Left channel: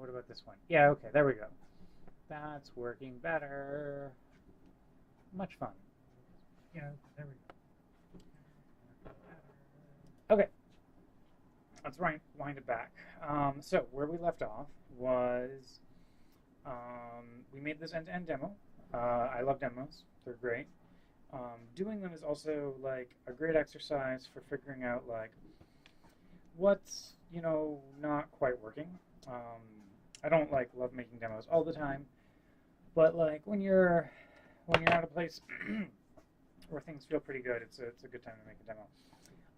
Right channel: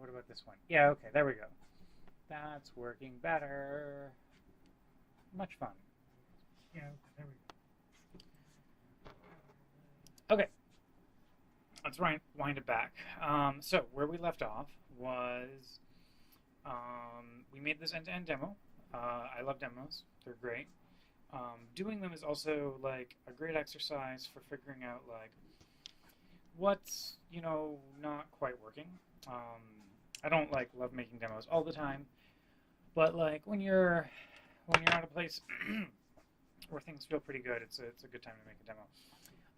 What about this one? Yeah, okay, there we go. That's working better. Much fun. Yeah, there we go. Okay, let's wind it back. So where we left off was we made this end-to-end demo. I love demos; they're great. Doing them is also like a great exercise for figuring out like what's not quite working. Um, I don't like love making demos all the time, but like when you're at a place where things feel pretty good, it's a good time to make a demo.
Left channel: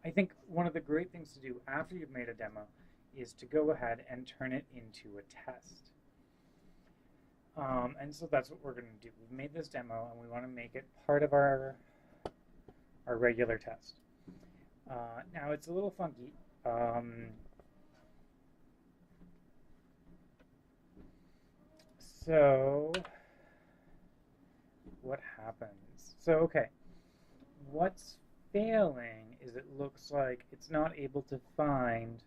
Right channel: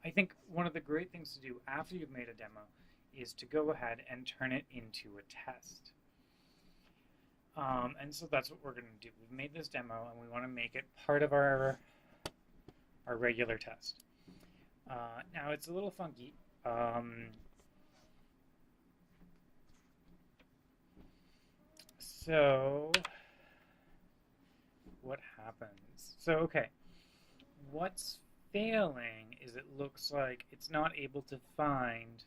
I think one of the great things to do after you've made a demo is to go ahead and turn it into a test. And so that's what we're going to do. We've made this demo and we want to make it part of our regular test. Now it's a little funky. So what happens? So okay, what's failing is it looks like it's not able to find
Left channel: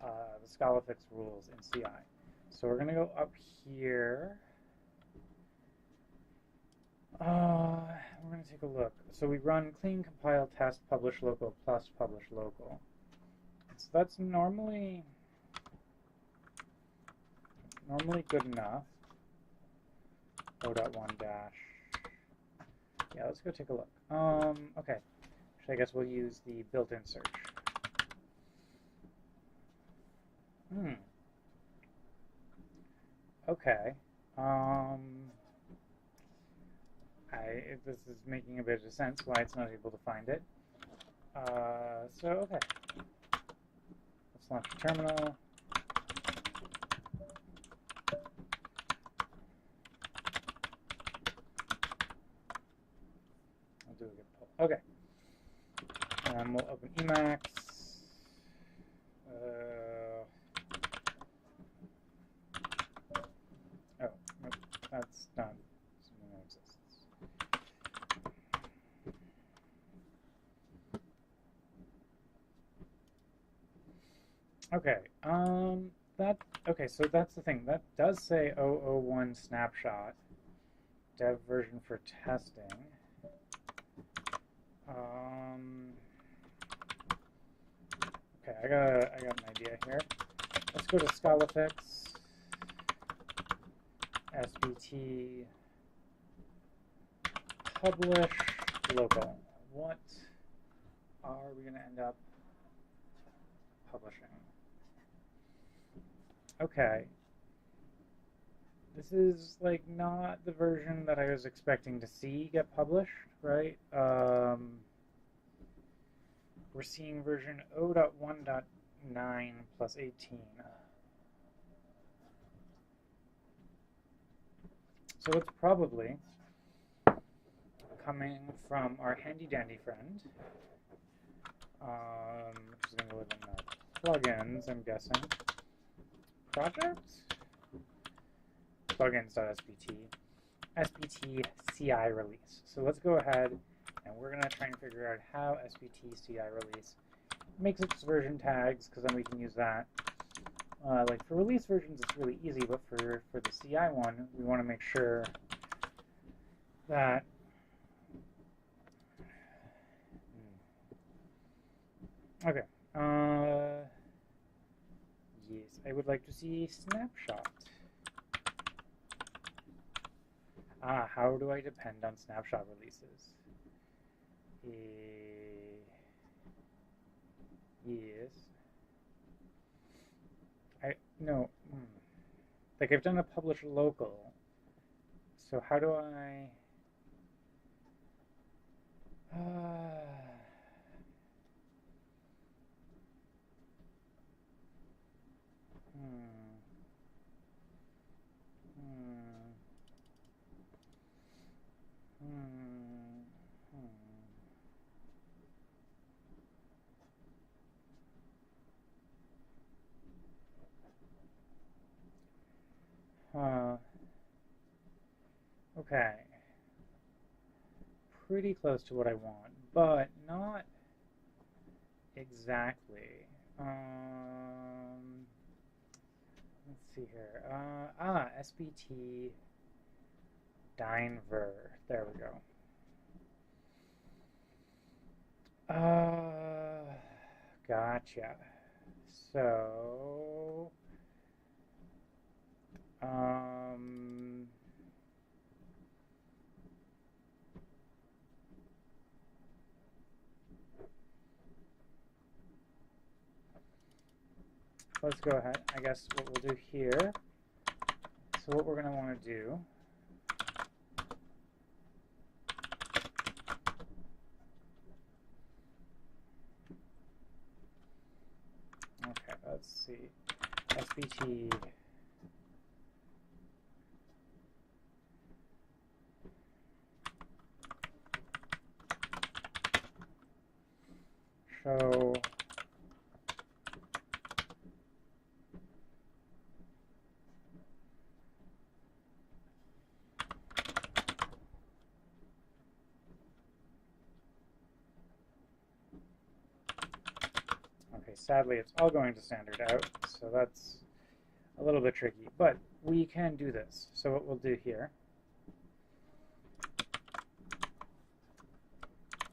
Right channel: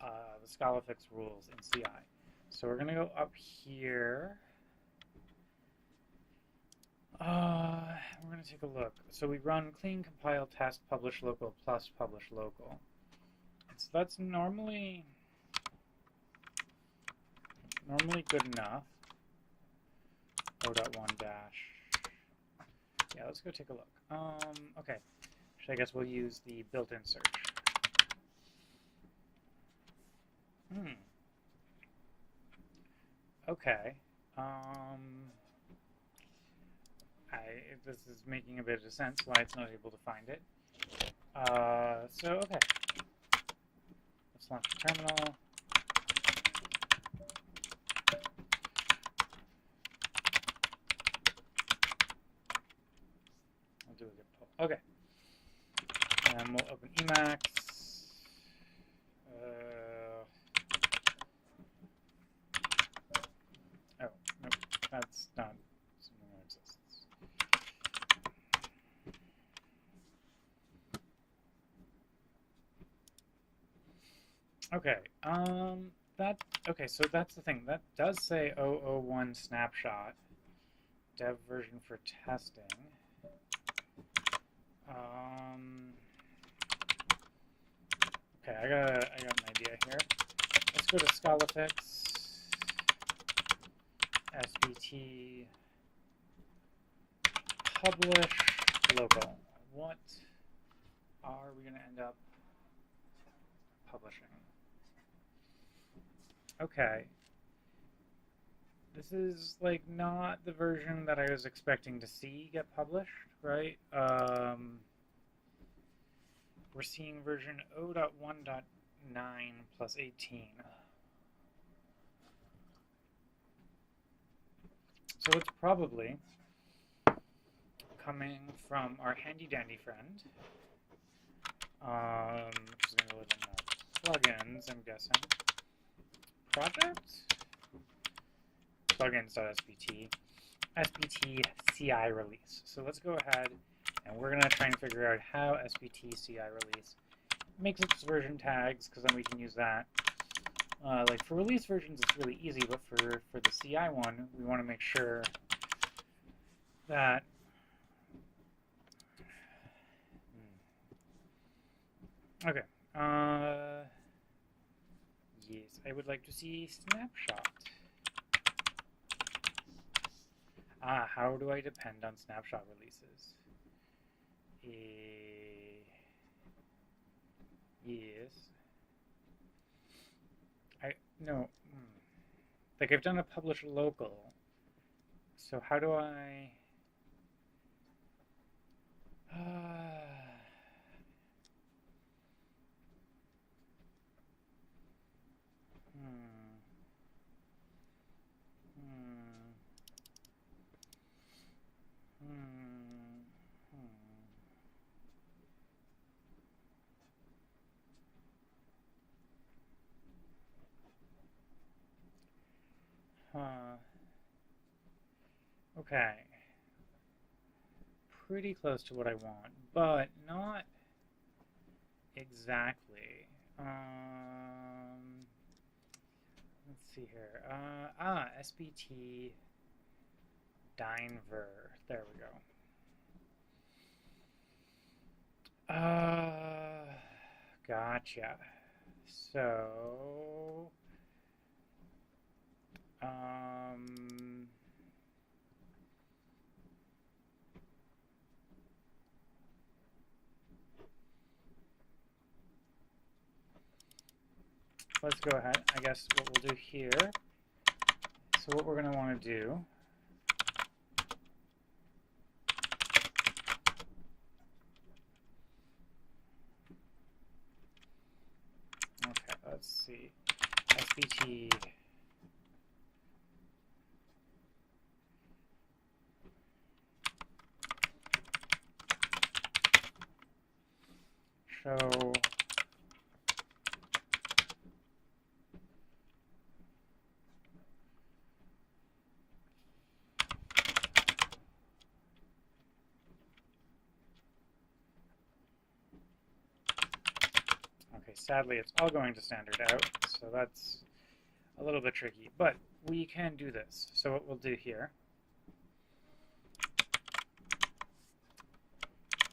the Scalafix rules in CI. So we're going to go up here. We're going to take a look. So we run clean compile test publish local plus publish local. So that's normally good enough. O.1 dash. Yeah, let's go take a look. Okay. So I guess we'll use the built-in search. Okay. This is making a bit of sense why it's not able to find it. So okay. Let's launch the terminal. I'll do a git pull. Okay. And we'll open Emacs. Oh, nope, that's not something that exists. Okay, okay, so that's the thing. That does say 001 snapshot, dev version for testing. Okay, I got an idea here. Let's go to Scalafix, SBT, publish local. What are we going to end up publishing? Okay. This is like not the version that I was expecting to see get published, right? We're seeing version 0.1.9 plus 18. So it's probably coming from our handy dandy friend, which is going to live in the plugins, I'm guessing. Project? Plugins.sbt. SBT CI release. So let's go ahead and we're going to try and figure out how SBT CI release makes its version tags, because then we can use that. Like for release versions, it's really easy, but for the CI one, we want to make sure that okay. Yes, I would like to see snapshot. How do I depend on snapshot releases? Yes. No. Like I've done a publish local. So how do I? Hmm. Hmm. Hmm. Huh. Okay. Pretty close to what I want, but not exactly. Let's see here. SBT Dynver. There we go. Gotcha. So, let's go ahead. I guess what we'll do here. So what we're going to want to do. Okay, let's see. SBT. Show. Okay, sadly it's all going to standard out, so that's a little bit tricky, but we can do this. So what we'll do here,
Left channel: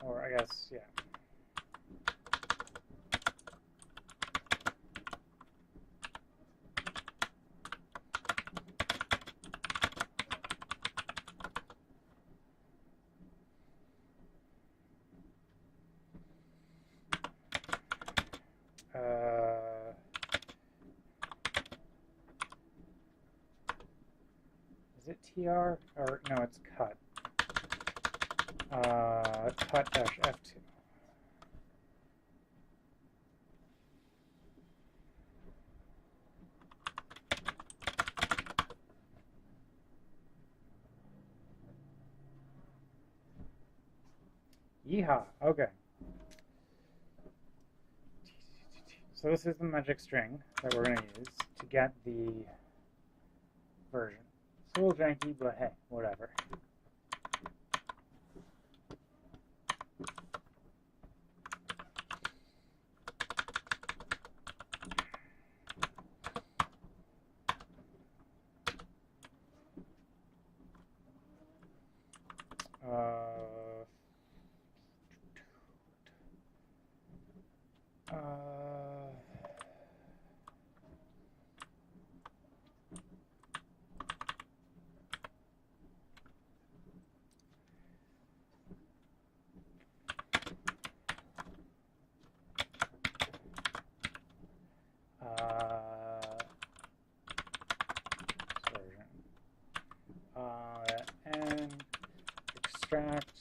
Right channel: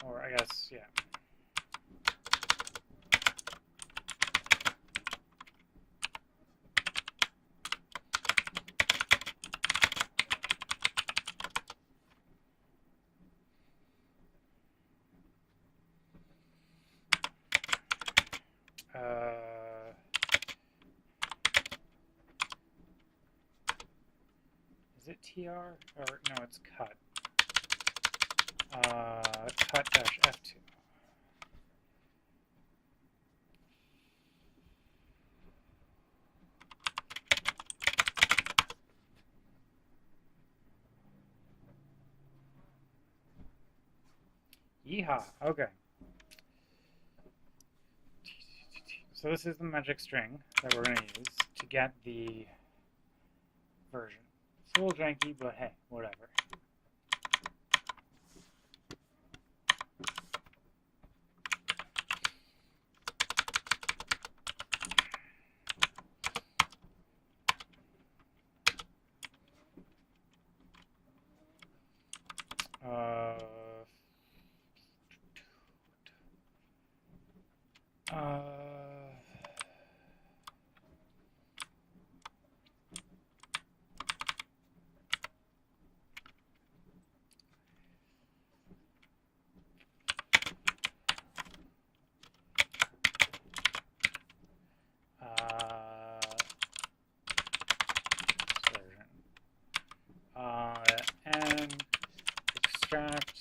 or I guess, yeah. Is it TR? Or no, it's cut. Cut dash F2. Yeehaw! Okay. So this is the magic string that we're going to use to get the version. It's a little janky, but hey, whatever. And extract,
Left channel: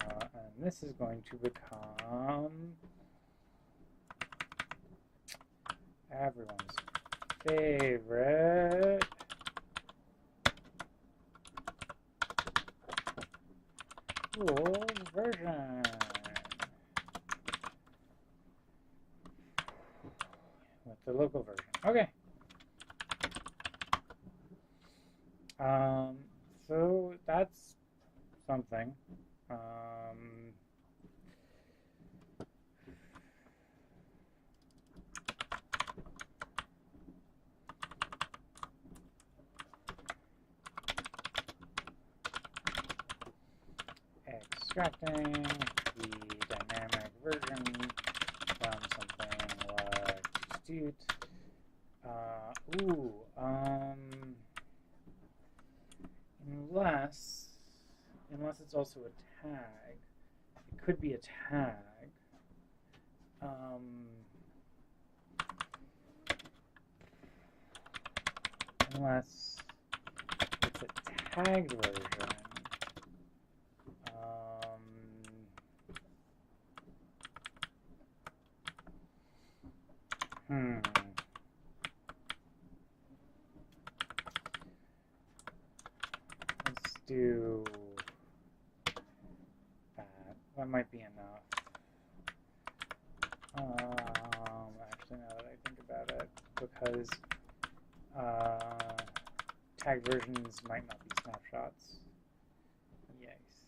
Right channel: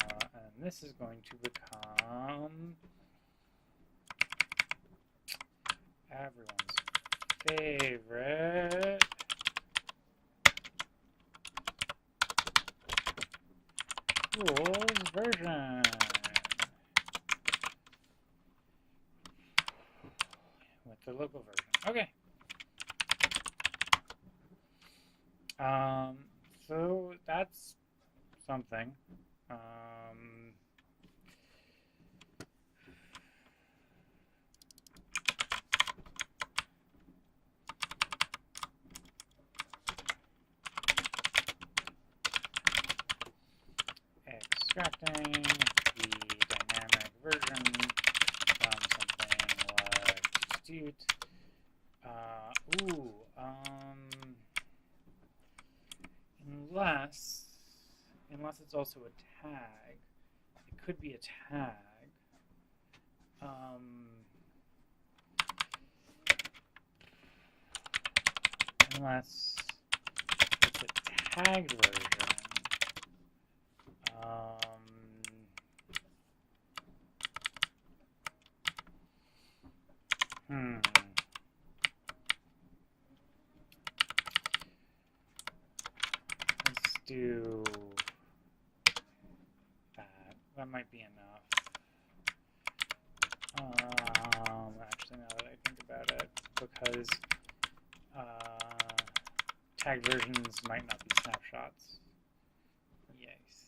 and this is going to become everyone's favorite rules version. With the local version. Okay. So that's something. Extracting the dynamic version from something like Stute. Unless it's also a tag. It could be a tag. Unless it's a tagged version. Let's do that. That might be enough. Actually, now that I think about it, because tagged versions might not be snapshots. Yes.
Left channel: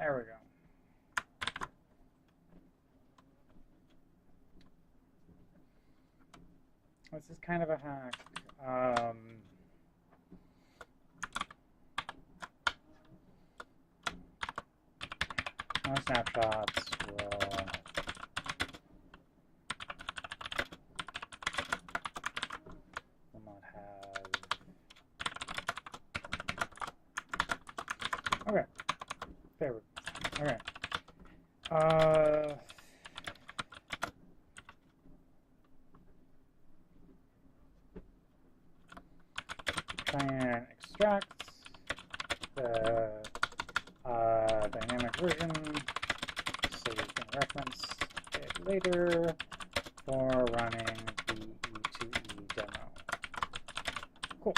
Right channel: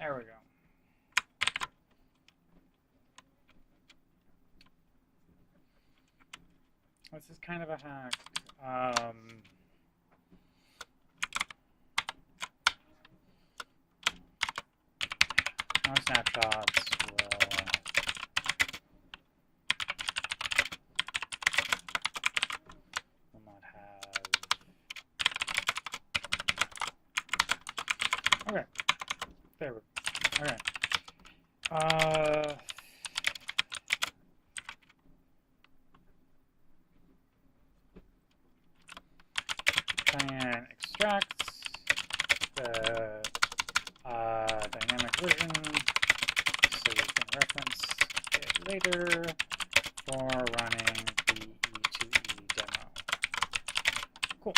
There we go. This is kind of a hack. Our snapshots will not have. Okay. There we go. Okay. Try and extract the dynamic version so we can reference it later for running the E2E demo. Cool.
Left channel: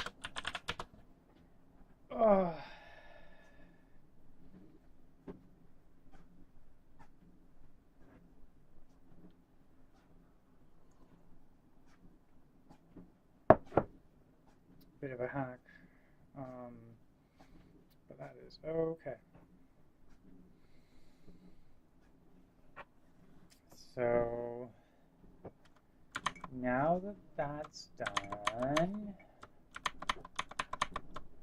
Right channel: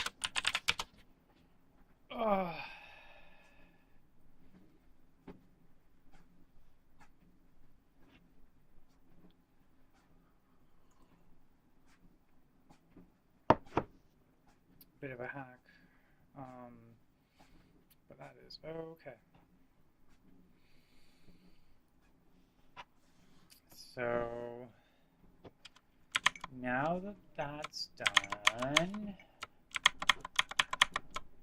Bit of a hack, but that is okay. So now that that's done,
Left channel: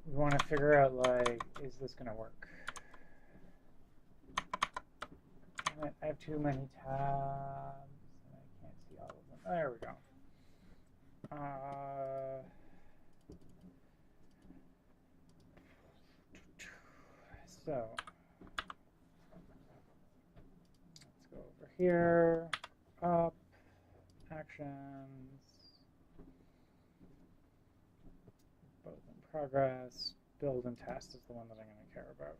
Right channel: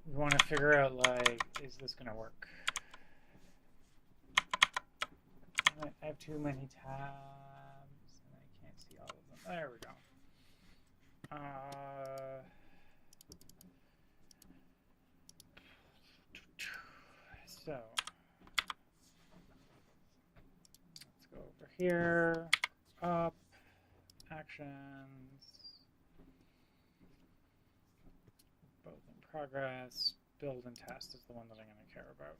we want to figure out, like, is this going to work? I have too many tabs and I can't see all of them. There we go. So let's go over here, up, actions, both in progress, build and test is the one that I'm going to care about.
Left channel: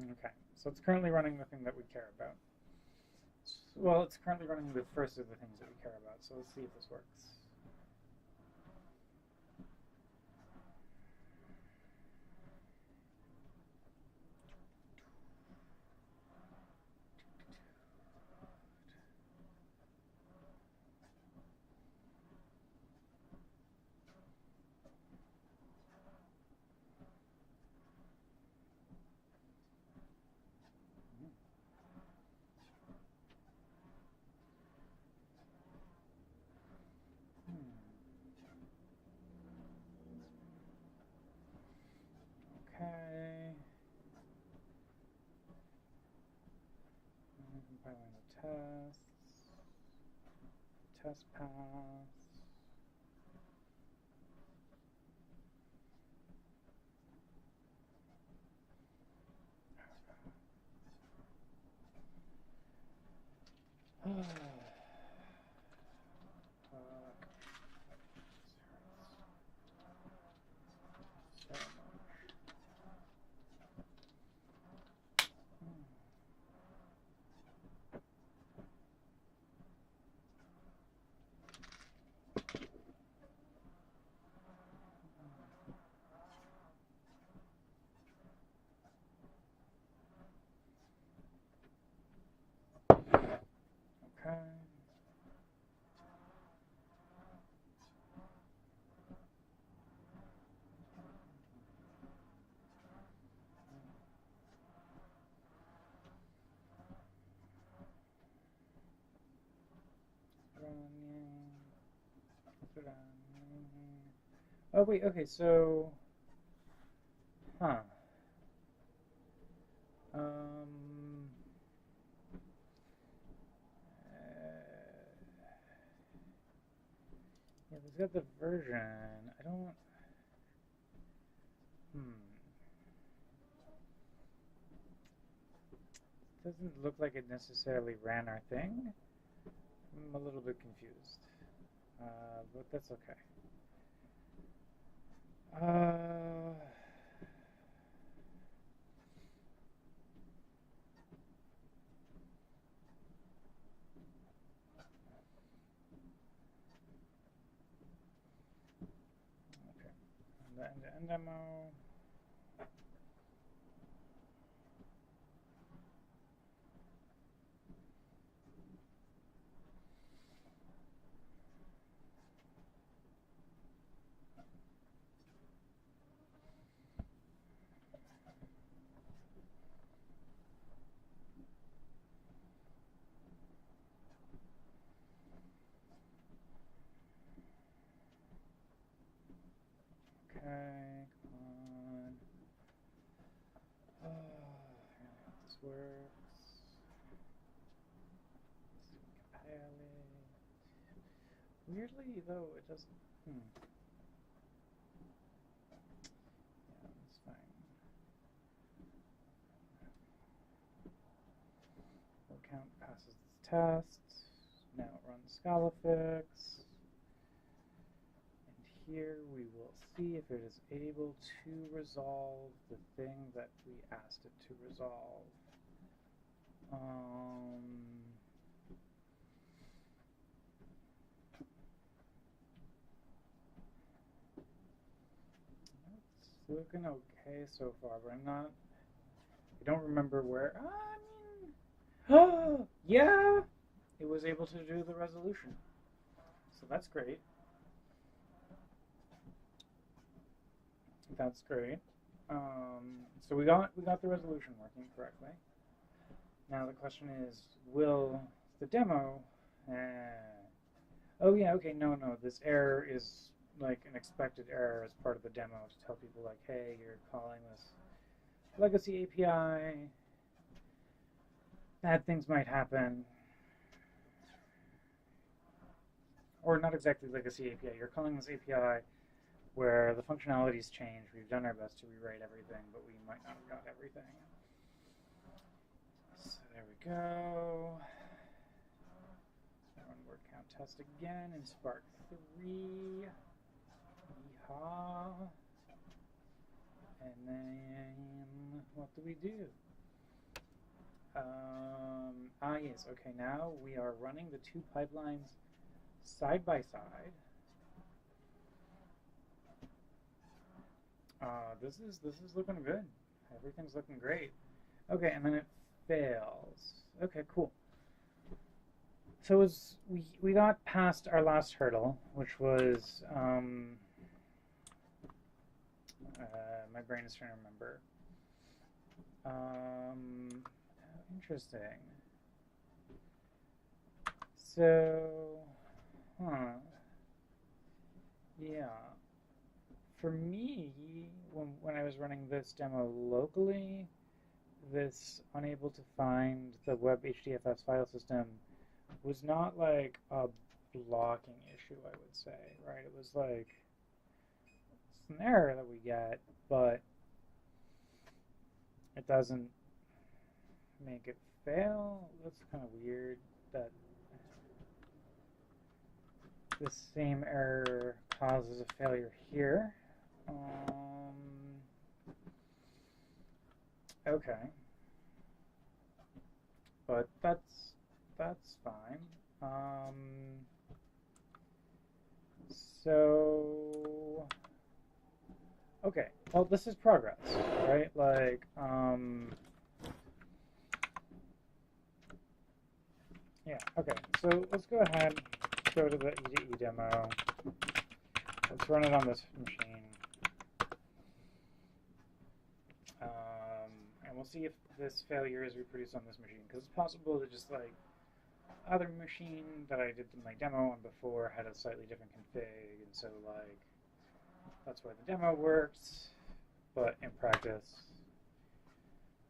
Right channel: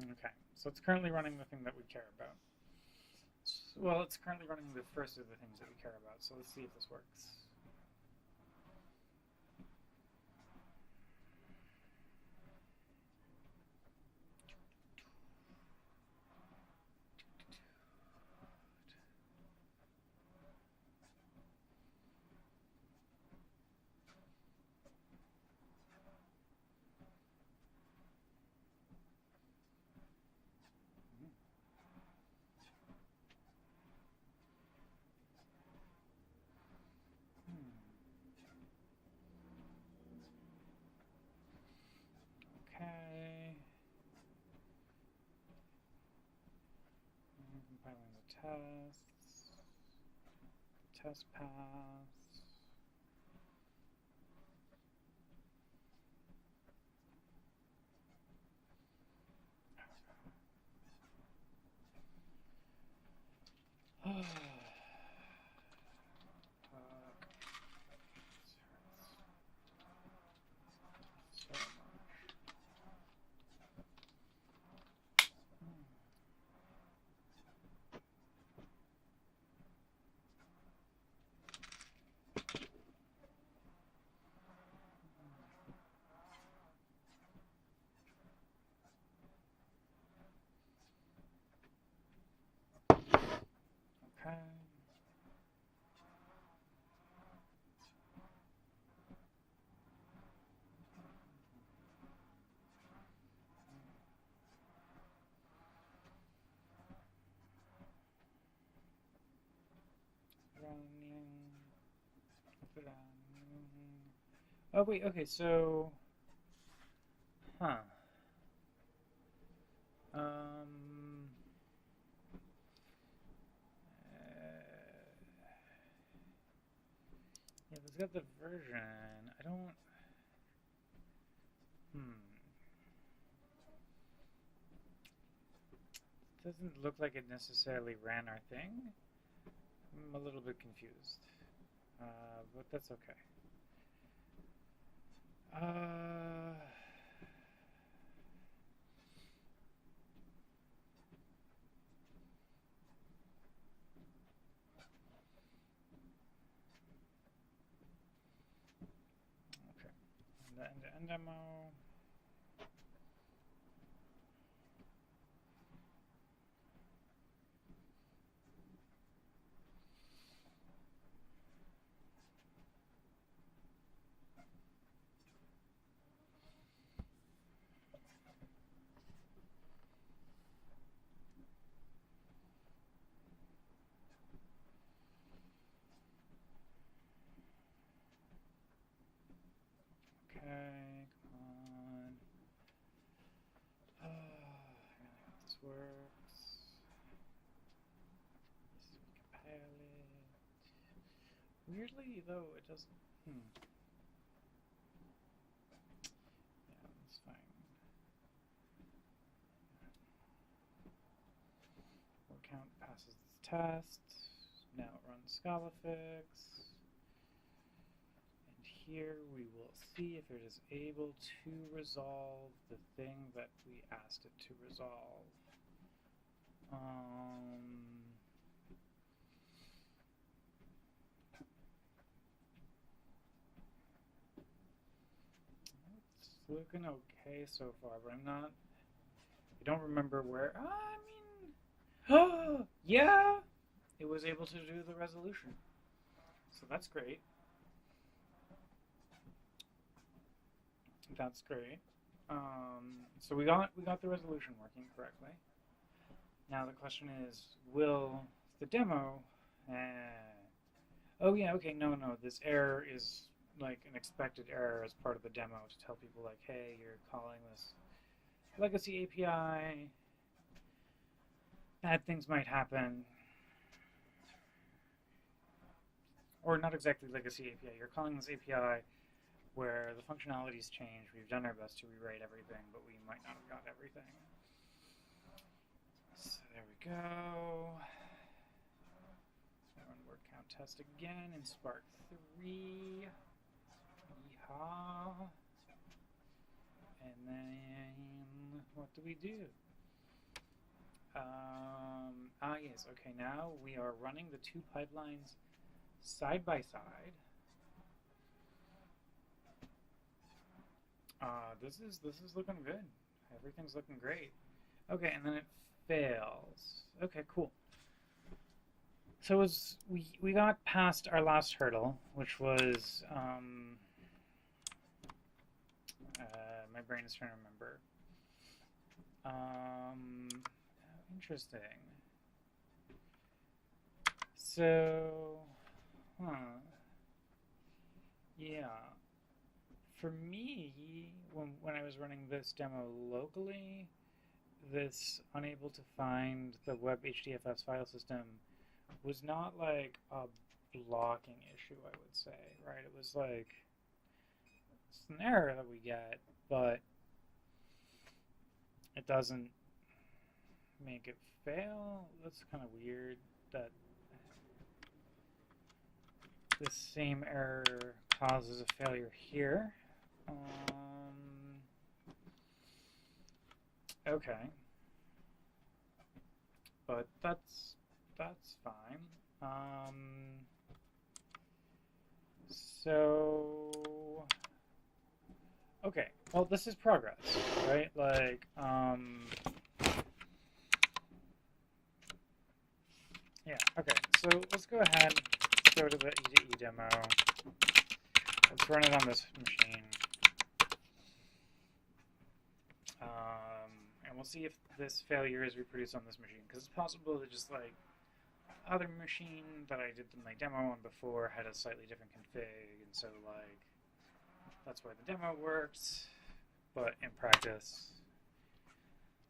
Okay, so it's currently running the thing that we care about. Well, it's currently running the first of the things that we care about, so let's see if this works. Okay. Compiling the tests. Test pass. Okay. Oh wait, okay, so huh. Yeah, it's got the version. I don't. Doesn't look like it necessarily ran our thing. I'm a little bit confused, but that's okay. Okay, and the end-to-end demo. Okay, come on. I really hope this works. Compile it. Weirdly, though, it doesn't. Yeah, that's fine. Word count passes this test. Now it runs Scalafix. And here we will see if it is able to resolve the thing that we asked it to resolve. It's looking okay so far, but I don't remember where. Yeah, it was able to do the resolution. So that's great. That's great. So we got the resolution working correctly. Now the question is, will the demo? Oh yeah, okay, no. This error is like an expected error as part of the demo to tell people like, hey, you're calling this legacy API. Bad things might happen. Or not exactly legacy API. You're calling this API where the functionalities change. We've done our best to rewrite everything, but we might not have got everything. So there we go. Run word count test again in Spark 3. Yeehaw. And then what do we do? Yes, okay, now we are running the two pipelines side by side. This is looking good. Everything's looking great. Okay, and then it fails. Okay, cool. So we got past our last hurdle, which was my brain is trying to remember. Interesting. So, yeah. For me, when I was running this demo locally, this unable to find the web HDFS file system was not like a blocking issue, I would say, right? It was like, it's an error that we get, but it doesn't make it fail. That's kind of weird that this same error causes a failure here. Okay, but that's fine. So okay, well, this is progress, right? Like yeah. Okay, so let's go ahead. Let's go to the E2E demo. Let's run it on this machine. And we'll see if this failure is reproduced on this machine, because it's possible that just like other machine that I did my demo on before had a slightly different config, and so like that's why the demo works, but in practice,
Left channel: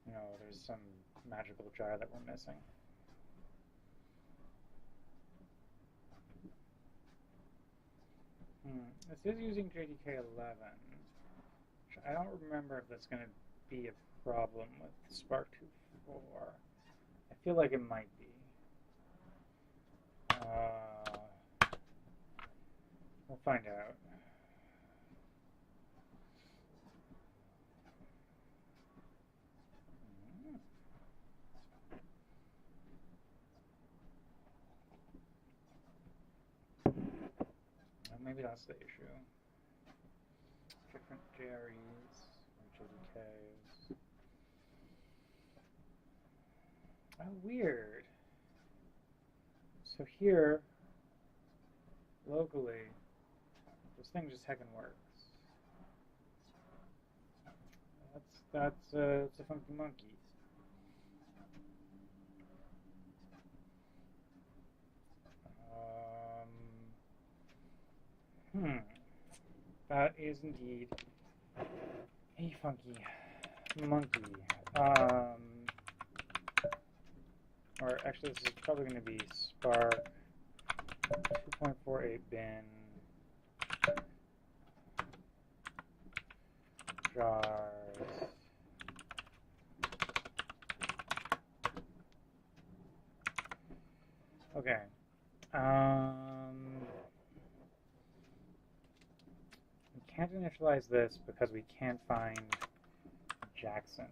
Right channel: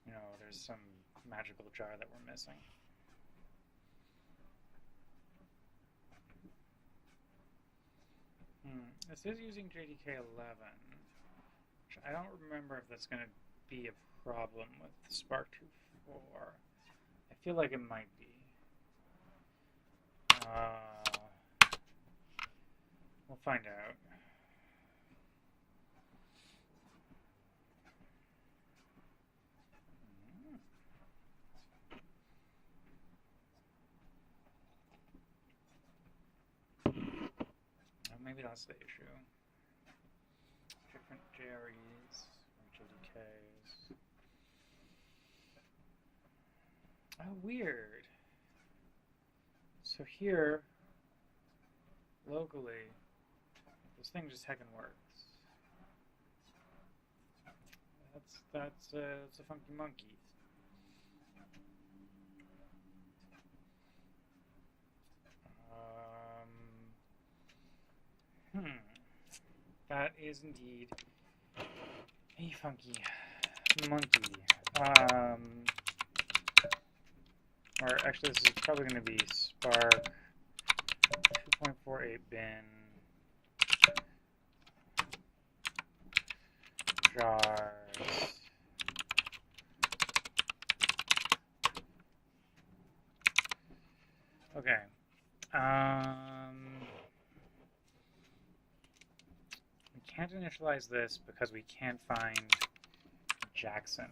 you know, there's some magical jar that we're missing. This is using JDK 11, which I don't remember if that's going to be a problem with Spark 2.4. I feel like it might be. We'll find out. Maybe that's the issue. Different JREs and JDKs. Oh, weird. So here, locally, this thing just heckin' works. That's a funky monkey. That is indeed a funky monkey. Or actually, this is probably going to be Spark 2.48 bin jars. Okay. We can't initialize this because we can't find Jackson.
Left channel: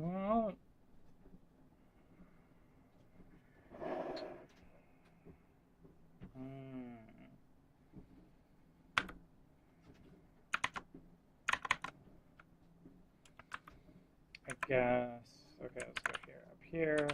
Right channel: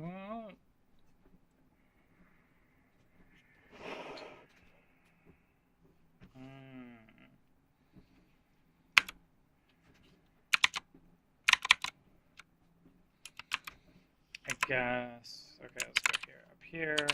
Well, I guess. Okay, let's go here. Up here.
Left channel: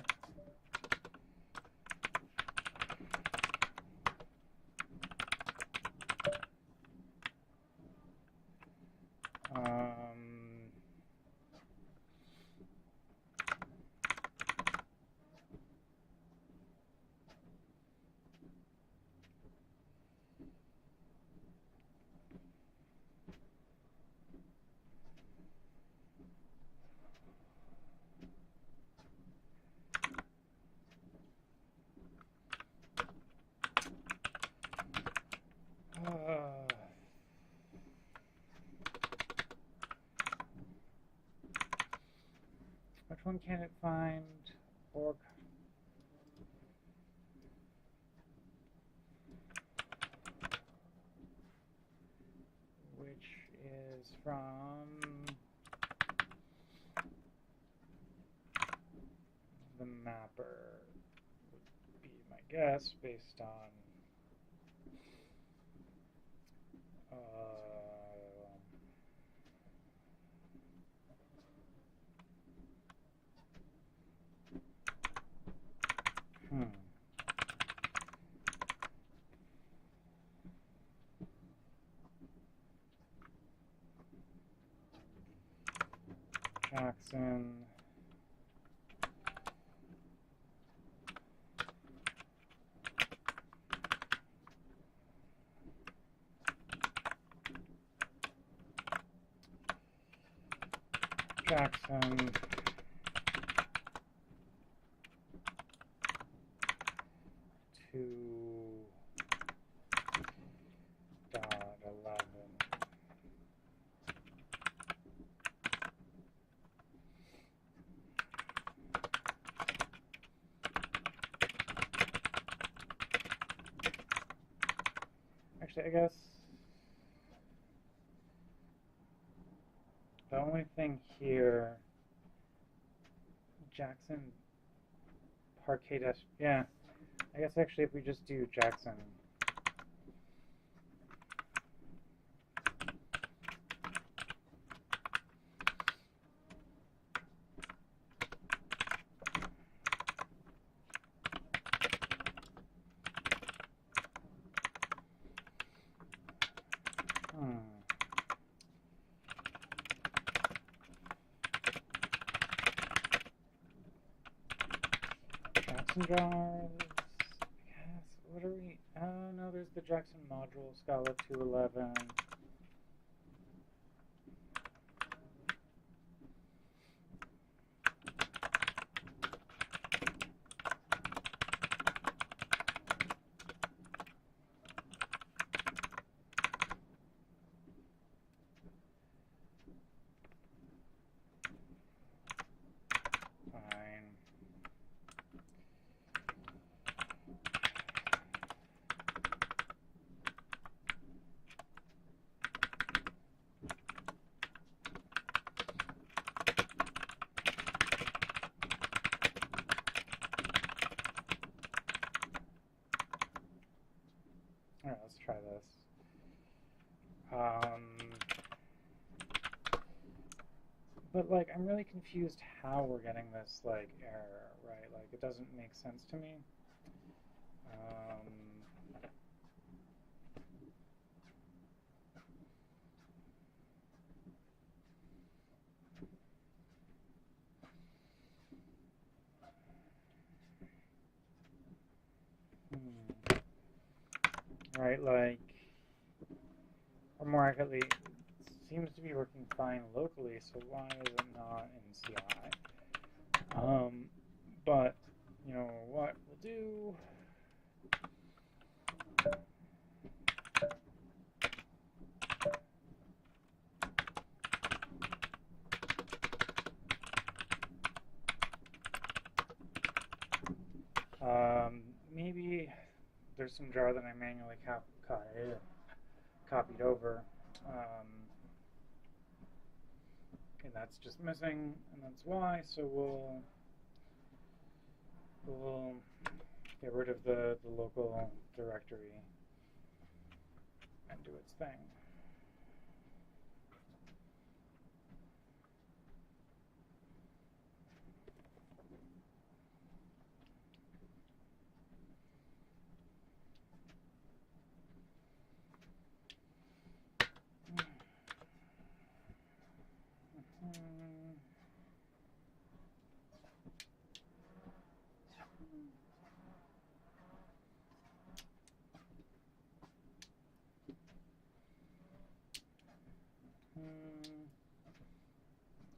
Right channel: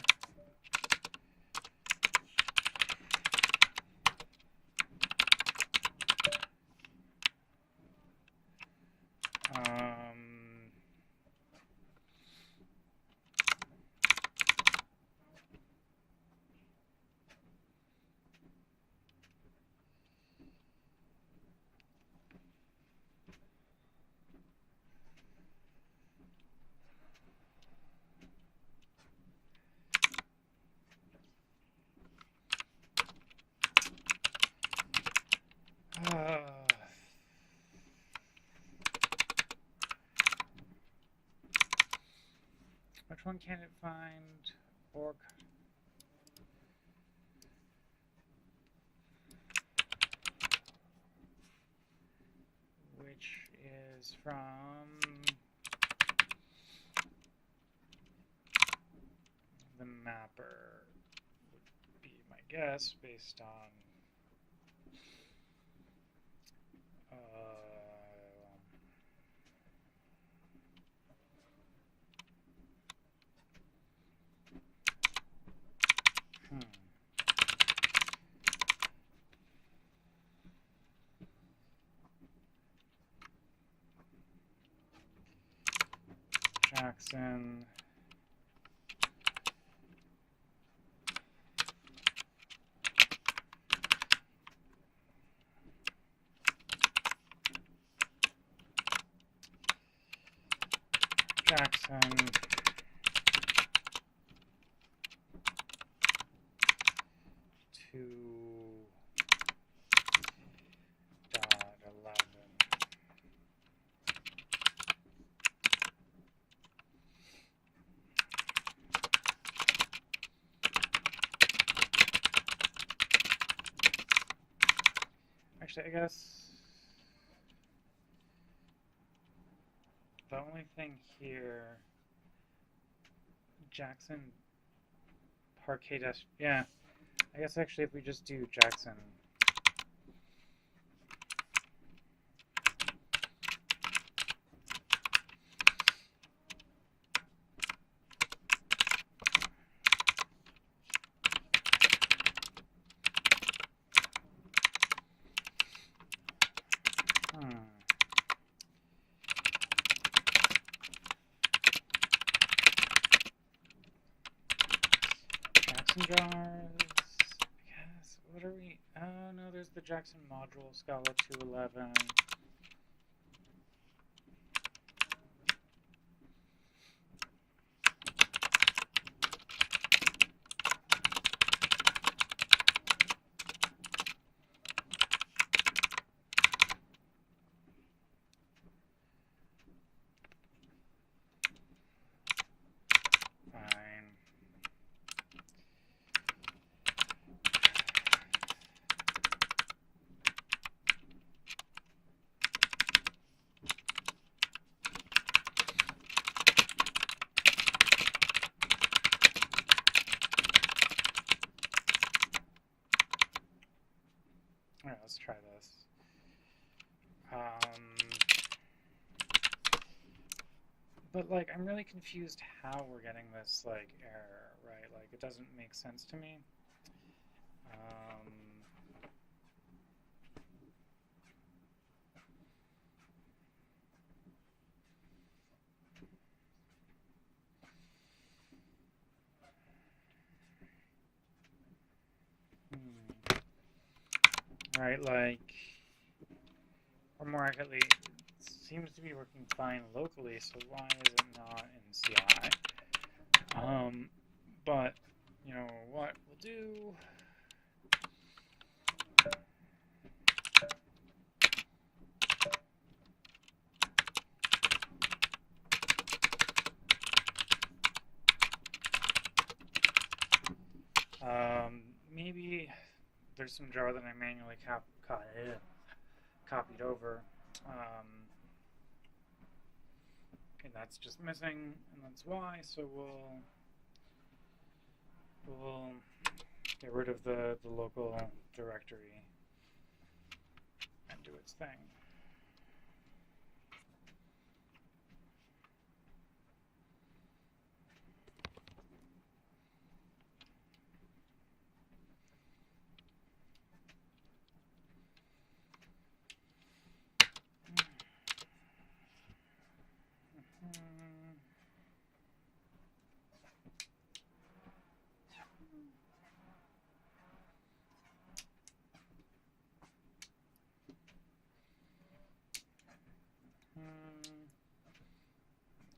Which one can it find? Orc. Which is from the mapper, would be my guess based on Jackson. Jackson. Actually, I guess the only thing here, Jackson, Parquet Dash, yeah, I guess actually if we just do Jackson. Jars, yes, what are we, oh no, there's the Jackson module, Scala 211. Alright, let's try this. But, like, I'm really confused how we're getting this, like, error, right? Like, it doesn't make sense to me. Right, like, or more accurately, it seems to be working fine locally, so why is it not in CI? But, you know, what we'll do... maybe there's some jar that I manually copied over, and that's just missing, and that's why. So we'll get rid of the local directory and do its thing.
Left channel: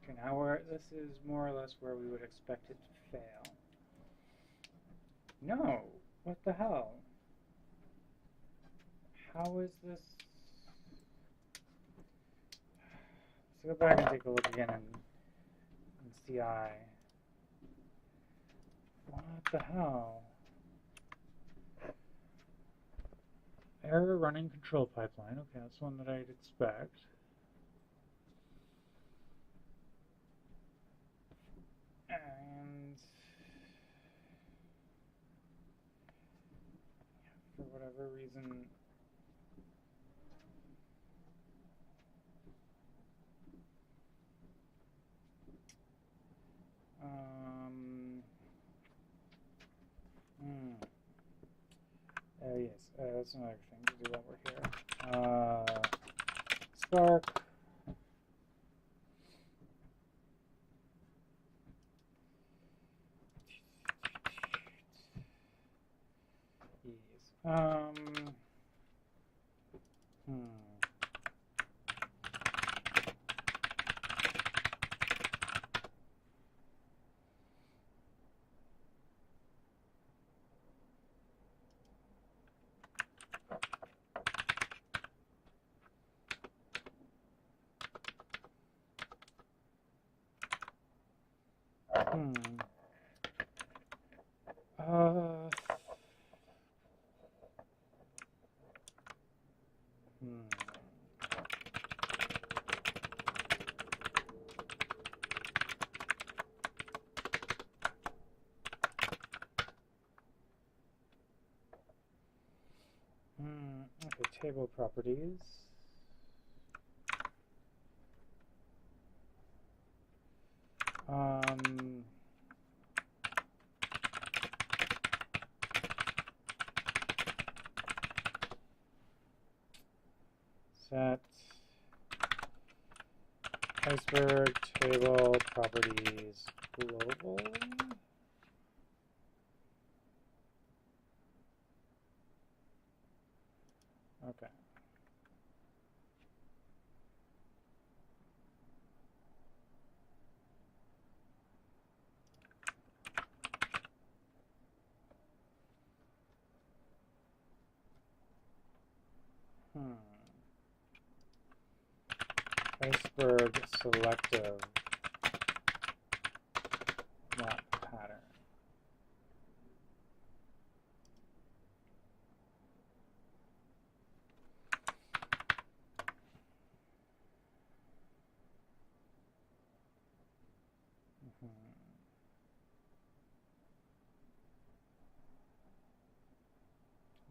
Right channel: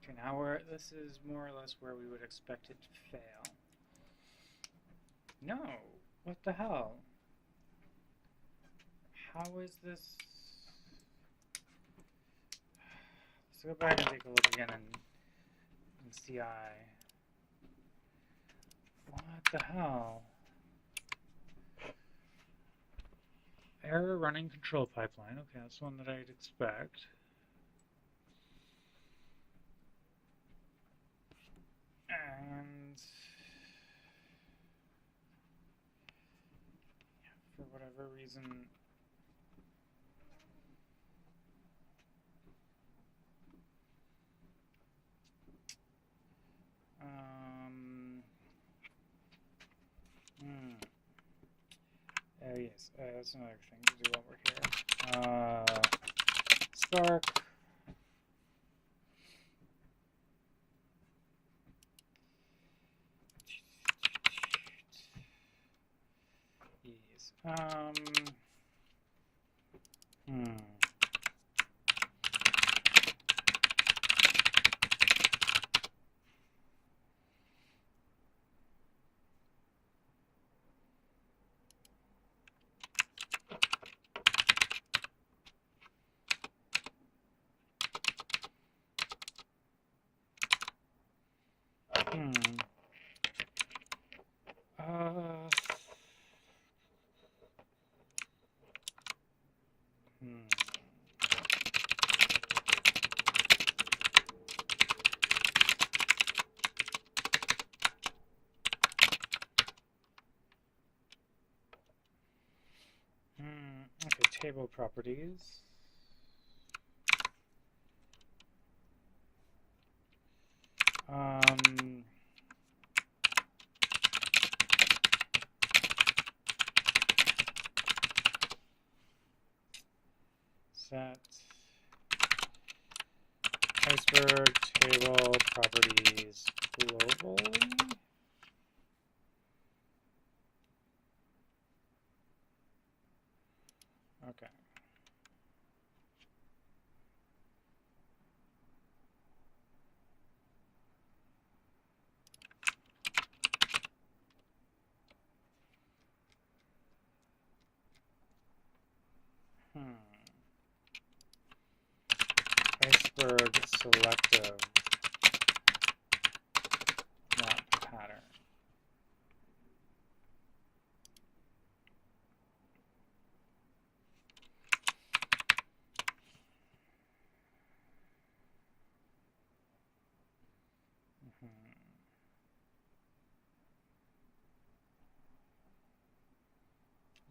Okay, now this is more or less where we would expect it to fail. No, what the hell? How is this? Let's go back and take a look again in CI. What the hell? Error running control pipeline. Okay, that's one that I'd expect. And for whatever reason, yes, that's another thing to do while we're here. Spark. Yes. Okay, table properties. Set iceberg table properties globally. Okay. Iceberg selective, not pattern.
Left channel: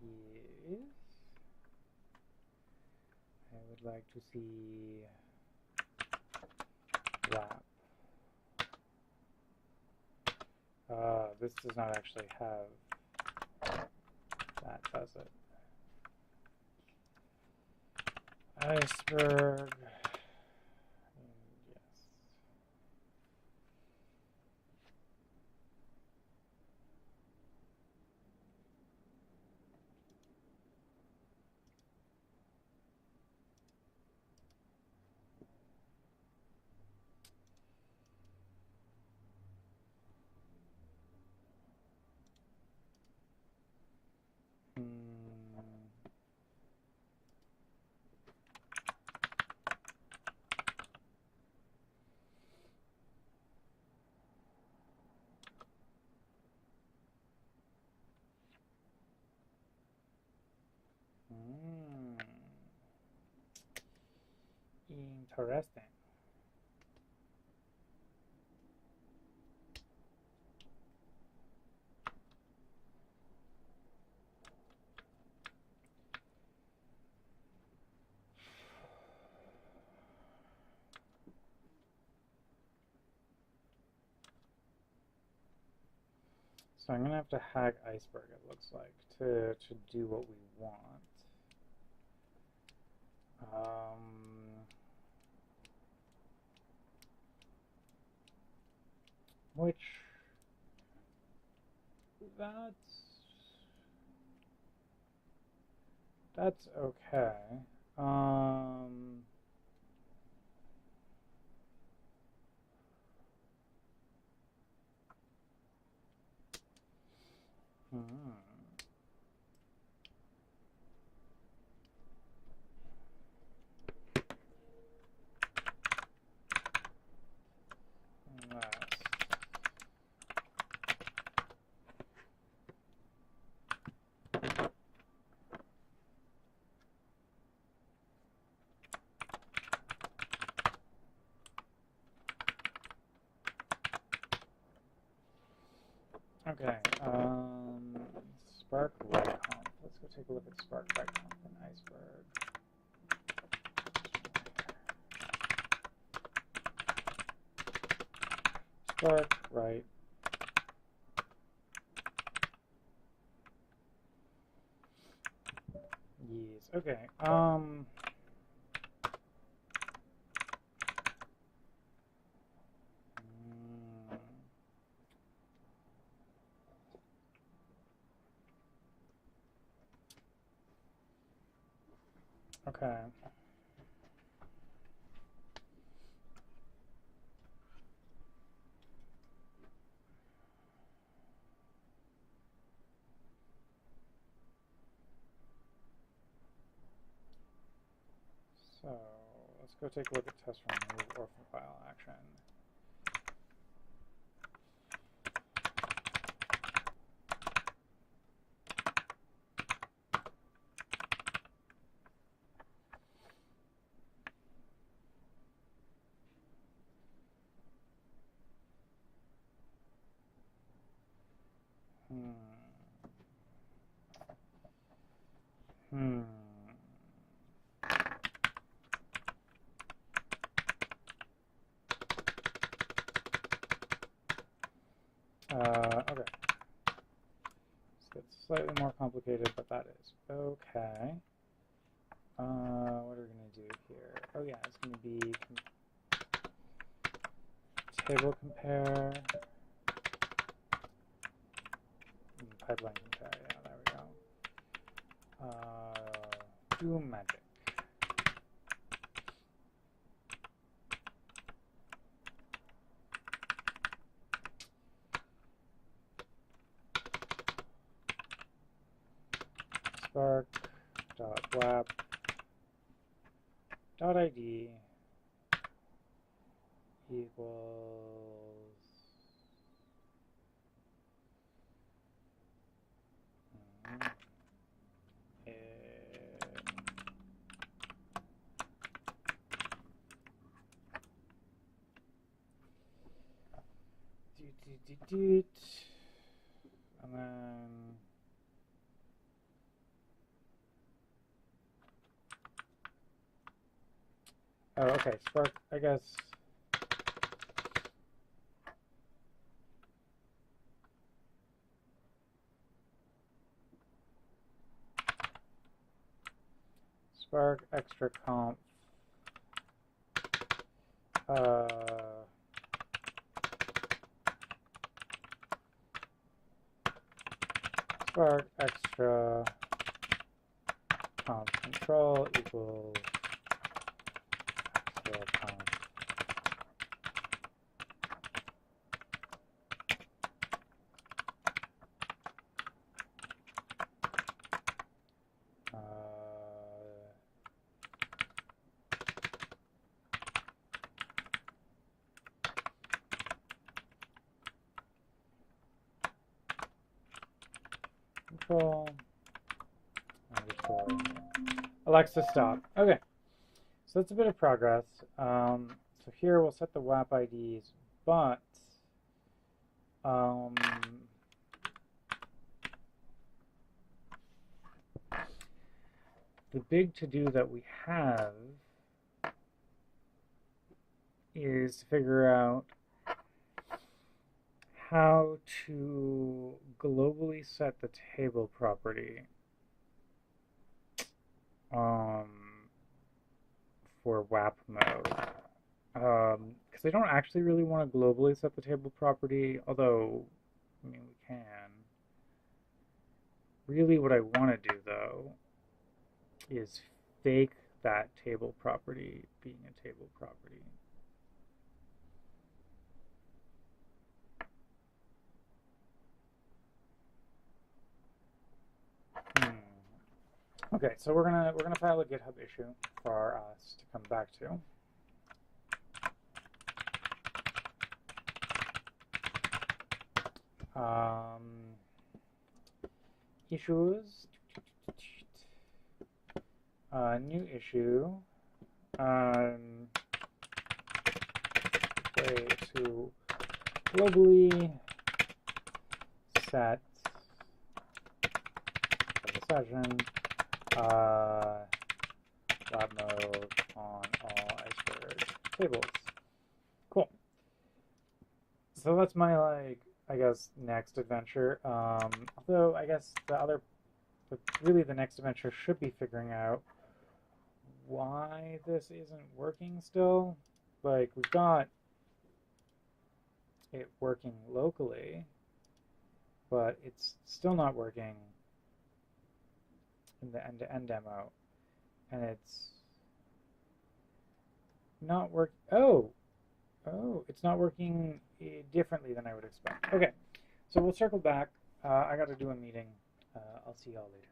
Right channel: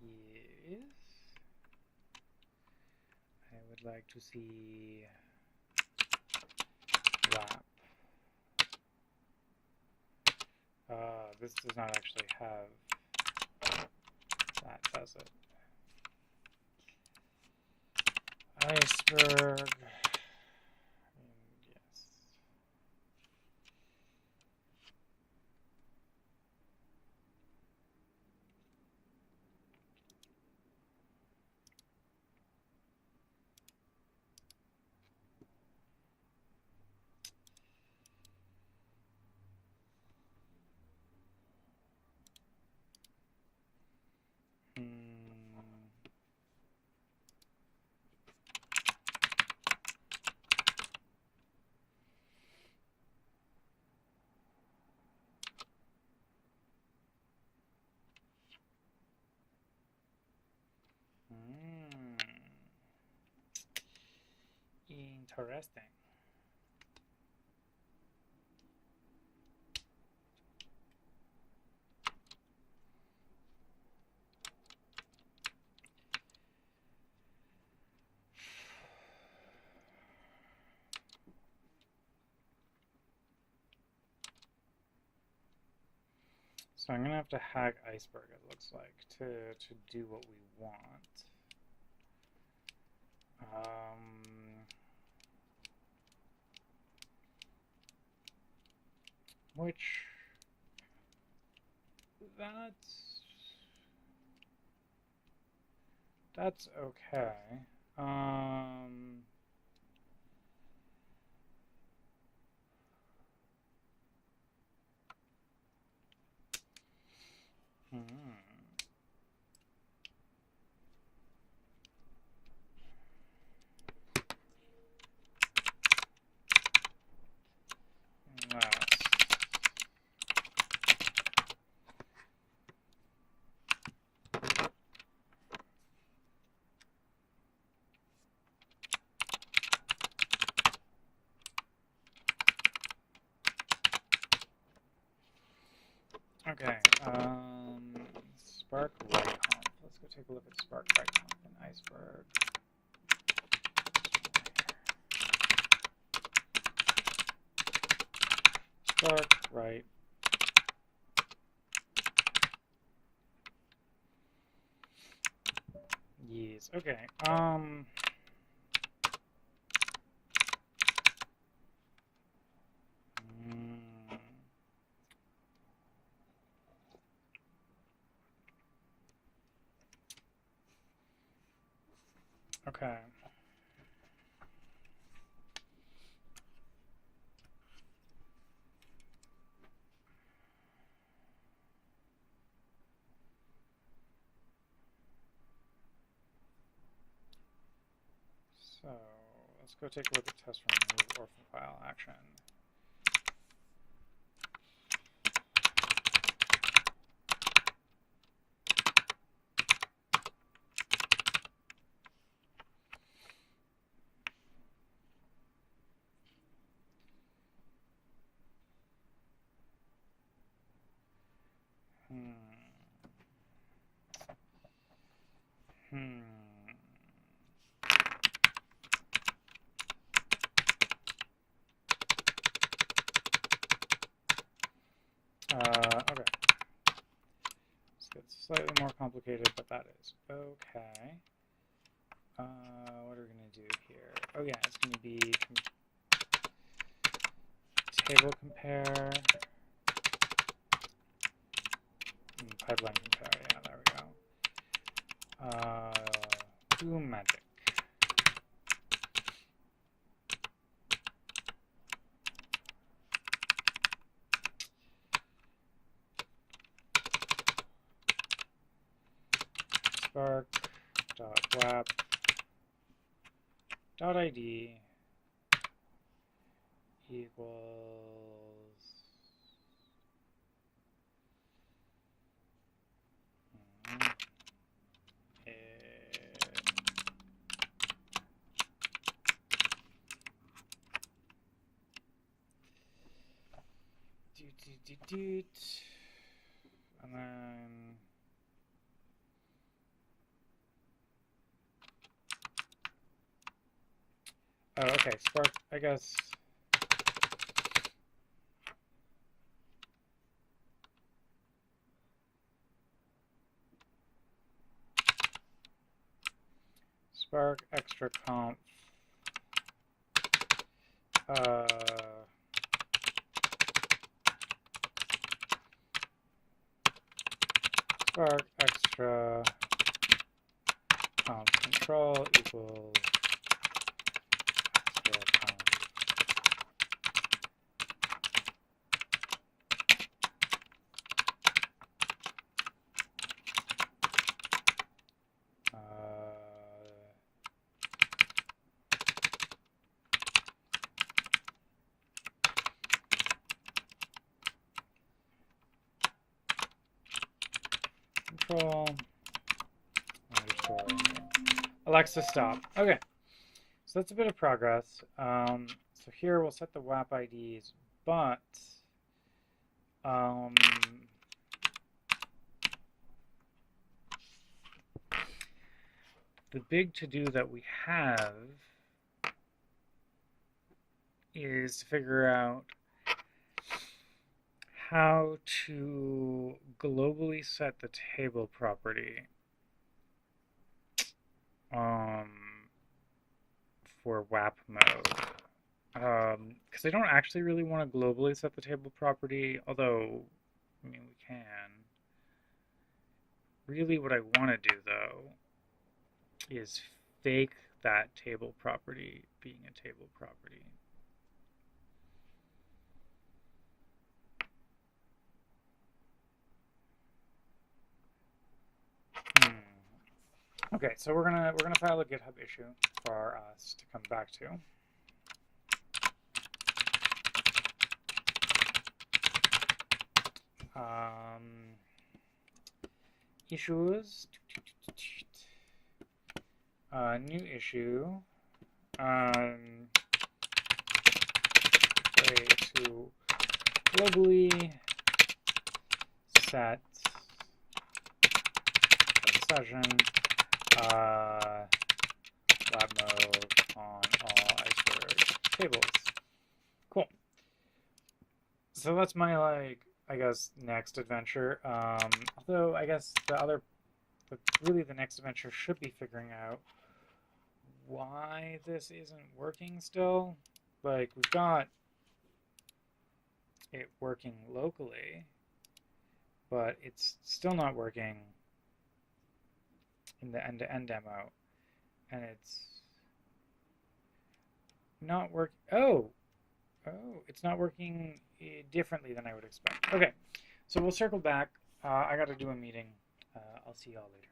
Yes. like to see wrap. This does not actually have that, does it? Iceberg. Yes. Interesting. So I'm gonna have to hack Iceberg, it looks like, to do what we want. Which that's okay. Okay, Spark right comp. Let's go take a look at Spark right comp and Iceberg. Spark right. Yes. Okay. Okay. So let's go take a look at test remove orphan file action. Okay. This gets slightly more complicated, but that is okay. What are we going to do here? Oh yeah, it's going to be table compare, pipeline compare, yeah, there we go. Do magic. Spark dot wrap dot ID equals and then Oh, okay. Spark, I guess. Spark extra conf. Spark extra conf control equals extra conf. Control underscore Alexa stop. Okay, so that's a bit of progress. So here we'll set the WAP IDs, but the big to-do that we have is to figure out how to globally set the table property for WAP mode. Because I don't actually really want to globally set the table property, although, I mean, we can. Really what I want to do, though, is fake that table property being a table property. Okay, so we're gonna file a GitHub issue for us to come back to. Issues. New issue. Way to globally set the session lab mode on all iceberg tables. Cool. So that's my, like, I guess, next adventure. Although I guess really the next adventure should be figuring out why this isn't working still. Like, we've got it working locally, but it's still not working in the end-to-end demo, and it's not work. Oh, it's not working differently than I would expect. Okay, so we'll circle back. I got to do a meeting. I'll see y'all later.